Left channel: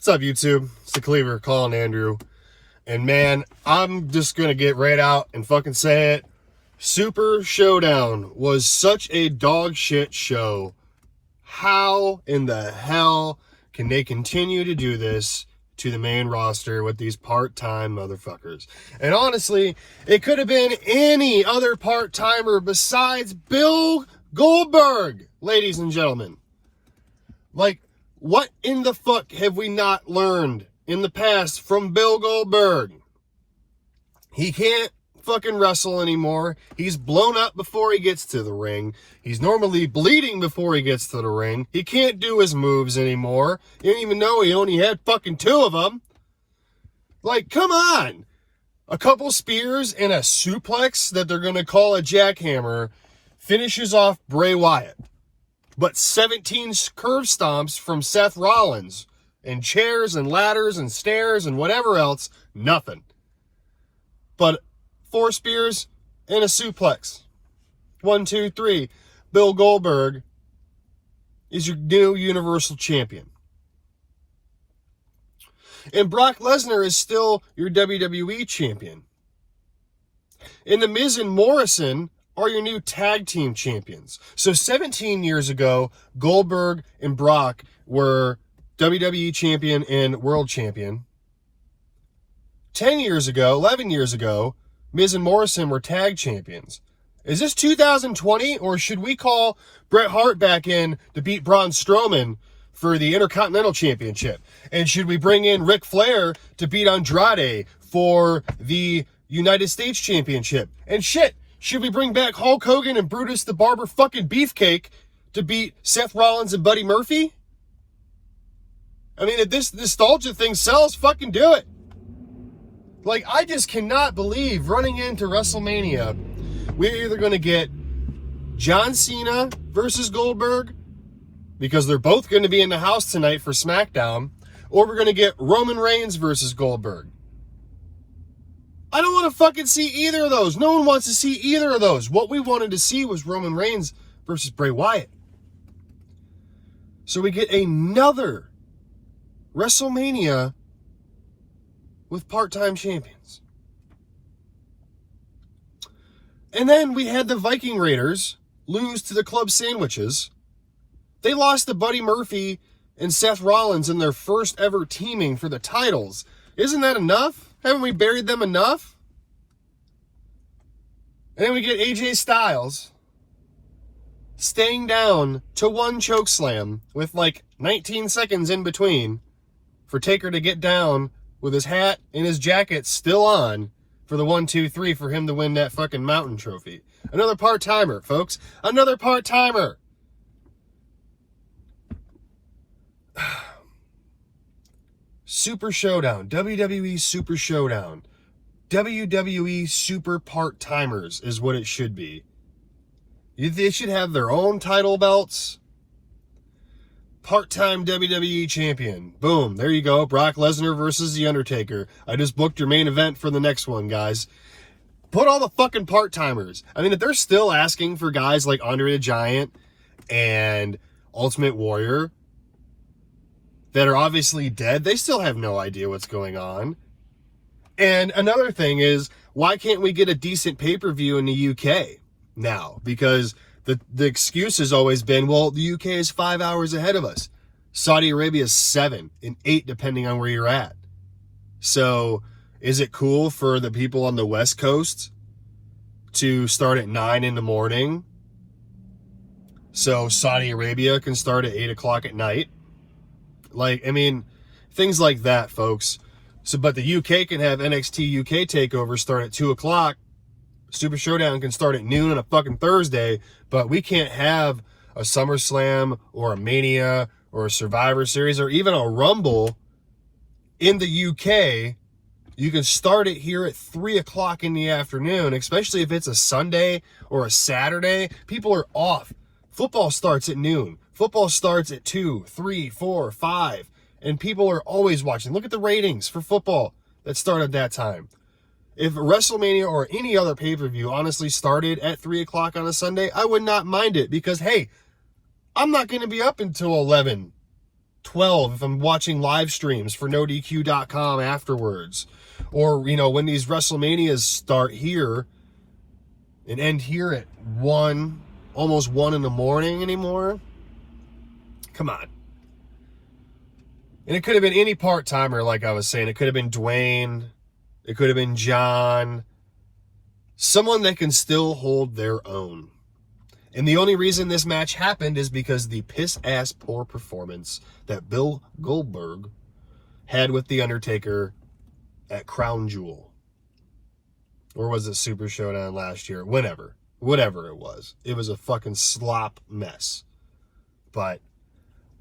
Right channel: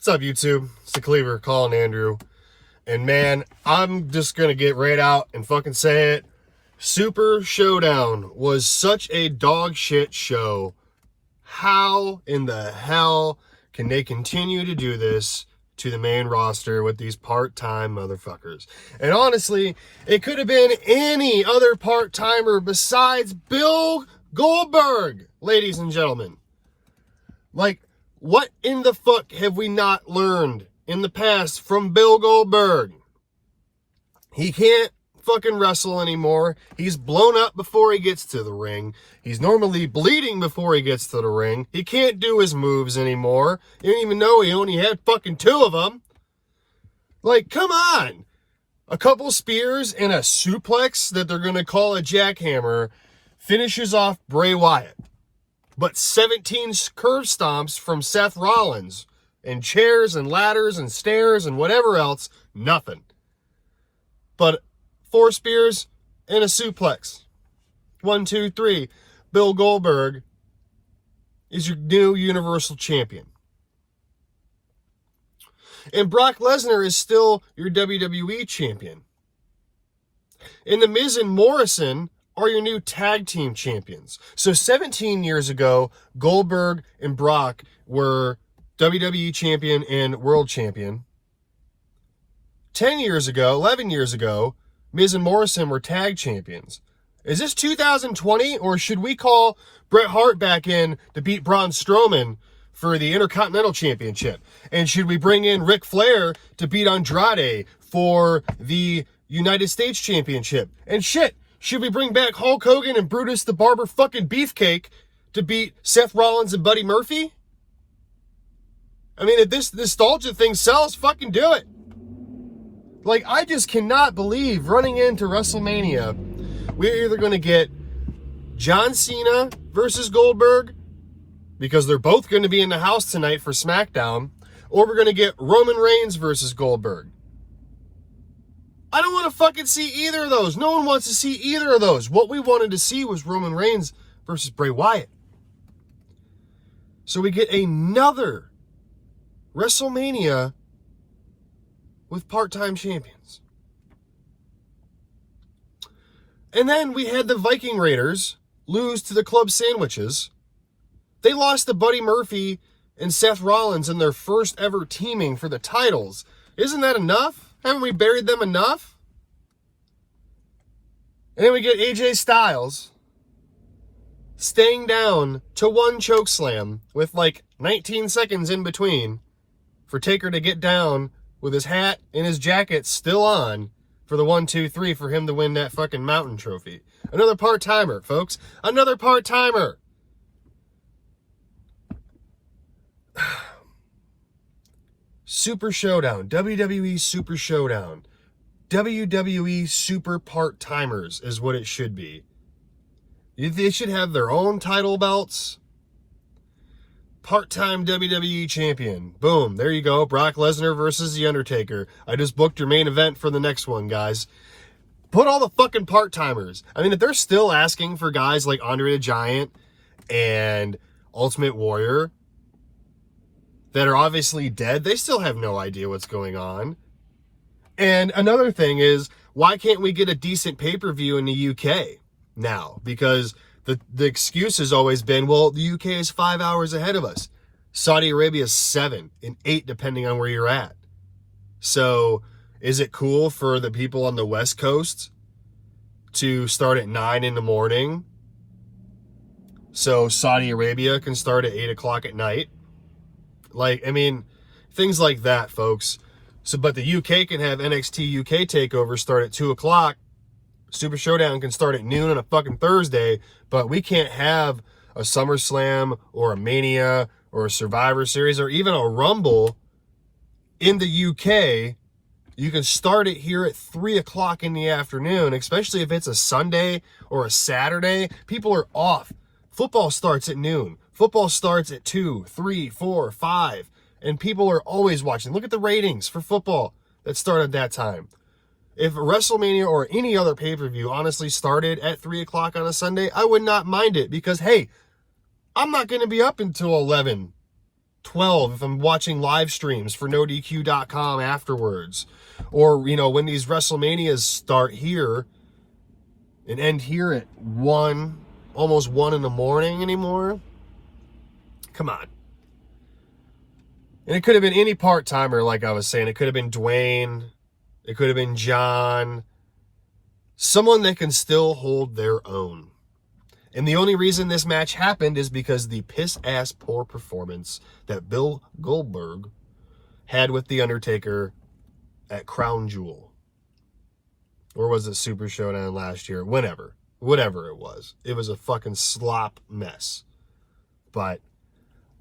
What's up, YouTube? It's the Cleaver calling Andrew. And man, I'm just going to get right out and fucking say it. Super Showdown was such a dog shit show. How in the hell can they continue to do this to the main roster with these part-time motherfuckers? And honestly, it could have been any other part-timer besides Bill Goldberg, ladies and gentlemen. Like, what in the fuck have we not learned in the past from Bill Goldberg? He can't fucking wrestle anymore. He's blown up before he gets to the ring. He's normally bleeding before he gets to the ring. He can't do his moves anymore. You didn't even know he only had fucking 2 of them. Like, come on. A couple spears and a suplex that they're going to call a jackhammer finishes off Bray Wyatt. But 17 curve stomps from Seth Rollins and chairs and ladders and stairs and whatever else, nothing. But 4 spears and a suplex. 1, 2, 3. Bill Goldberg is your new Universal Champion. And Brock Lesnar is still your WWE Champion. And The Miz and Morrison are your new tag team champions. So 17 years ago, Goldberg and Brock were WWE champion and world champion. 10 years ago, 11 years ago, Miz and Morrison were tag champions. Is this 2020, or should we call Bret Hart back in to beat Braun Strowman for the Intercontinental Championship? And should we bring in Ric Flair to beat Andrade for the United States Championship? And shit, should we bring back Hulk Hogan and Brutus the Barber fucking Beefcake to beat Seth Rollins and Buddy Murphy? I mean, if this nostalgia thing sells, fucking do it. Like, I just cannot believe running into WrestleMania, we're either going to get John Cena versus Goldberg, because they're both going to be in the house tonight for SmackDown, or we're going to get Roman Reigns versus Goldberg. I don't want to fucking see either of those. No one wants to see either of those. What we wanted to see was Roman Reigns versus Bray Wyatt. So we get another WrestleMania with part-time champions. And then we had the Viking Raiders lose to the Club Sandwiches. They lost to Buddy Murphy and Seth Rollins in their first ever teaming for the titles. Isn't that enough? Haven't we buried them enough? And then we get AJ Styles staying down to 1 chokeslam with like 19 seconds in between for Taker to get down with his hat and his jacket still on for the 1, 2, 3 for him to win that fucking mountain trophy. Another part-timer, folks. Another part-timer. Super Showdown. WWE Super Showdown. WWE Super Part-Timers is what it should be. They should have their own title belts. Part-time WWE champion. Boom. There you go. Brock Lesnar versus The Undertaker. I just booked your main event for the next one, guys. Put all the fucking part-timers. I mean, if they're still asking for guys like Andre the Giant and Ultimate Warrior that are obviously dead, they still have no idea what's going on. And another thing is, why can't we get a decent pay-per-view in the UK now? Because the excuse has always been, well, the UK is 5 hours ahead of us. Saudi Arabia is 7 and 8, depending on where you're at. So is it cool for the people on the West Coast to start at 9 in the morning so Saudi Arabia can start at 8 o'clock at night? Like, I mean, things like that, folks. So, but the UK can have NXT UK TakeOver start at 2 o'clock. Super Showdown can start at noon on a fucking Thursday, but we can't have a SummerSlam or a Mania or a Survivor Series or even a Rumble in the UK. You can start it here at 3 o'clock in the afternoon, especially if it's a Sunday or a Saturday. People are off. Football starts at noon. Football starts at 2, 3, 4, 5, and people are always watching. Look at the ratings for football that start at that time. If WrestleMania or any other pay-per-view honestly started at 3 o'clock on a Sunday, I would not mind it because, hey, I'm not going to be up until 11 12 if I'm watching live streams for NoDQ.com afterwards. Or, you know, when these WrestleManias start here and end here at 1, almost 1 in the morning anymore. Come on. And it could have been any part-timer, like I was saying. It could have been Dwayne. It could have been John. Someone that can still hold their own. And the only reason this match happened is because the piss-ass poor performance that Bill Goldberg had with The Undertaker at Crown Jewel. Or was it Super Showdown last year? Whatever it was. It was a fucking slop mess. But,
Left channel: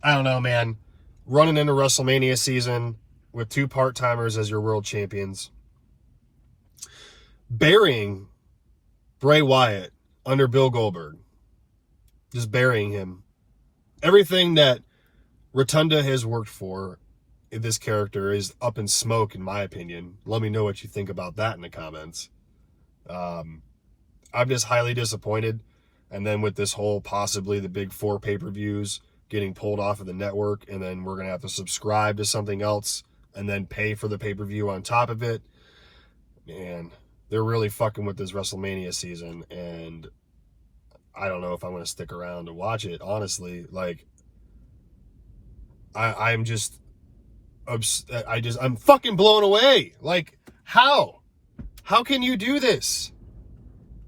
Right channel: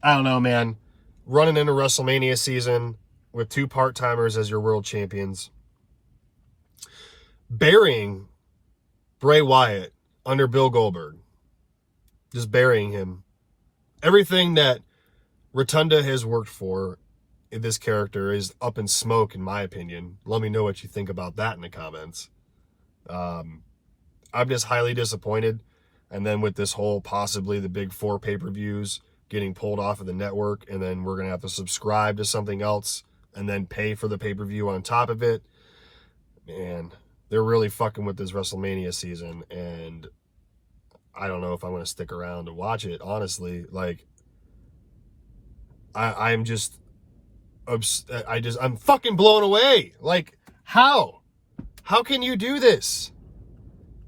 I don't know, man. Running into WrestleMania season with 2 part-timers as your world champions. Burying Bray Wyatt under Bill Goldberg. Just burying him. Everything that Rotunda has worked for in this character is up in smoke, in my opinion. Let me know what you think about that in the comments. I'm just highly disappointed. And then with this whole possibly the big 4 pay-per-views getting pulled off of the network, and then we're going to have to subscribe to something else and then pay for the pay-per-view on top of it. Man, they're really fucking with this WrestleMania season, and I don't know if I'm going to stick around to watch it, honestly. Like, I'm fucking blown away. Like, how? How can you do this?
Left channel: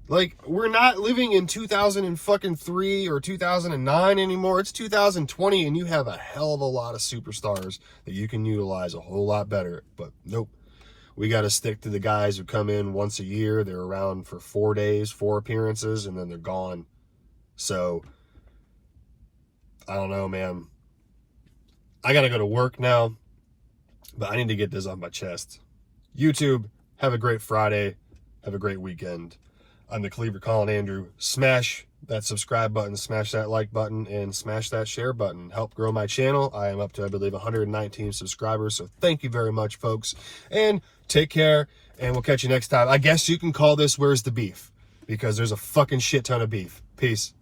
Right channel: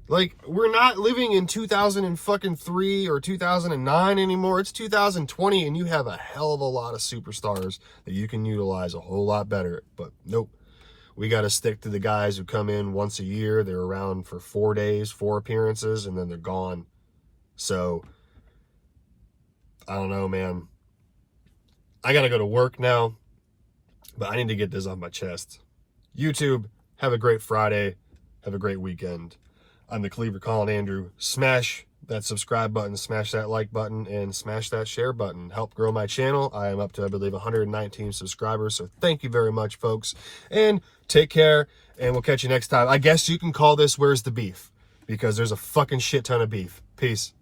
Like, we're not living in 2003 or 2009 anymore. It's 2020, and you have a hell of a lot of superstars that you can utilize a whole lot better. But nope. We got to stick to the guys who come in once a year. They're around for 4 days, 4 appearances, and then they're gone. So, I don't know, man. I got to go to work now, but I need to get this off my chest. YouTube, have a great Friday. Have a great weekend. I'm the Cleaver Colin Andrew. Smash that subscribe button, smash that like button, and smash that share button. Help grow my channel. I am up to, I believe, 119 subscribers, so thank you very much, folks. And take care, and we'll catch you next time. I guess you can call this Where's the Beef, because there's a fucking shit ton of beef. Peace.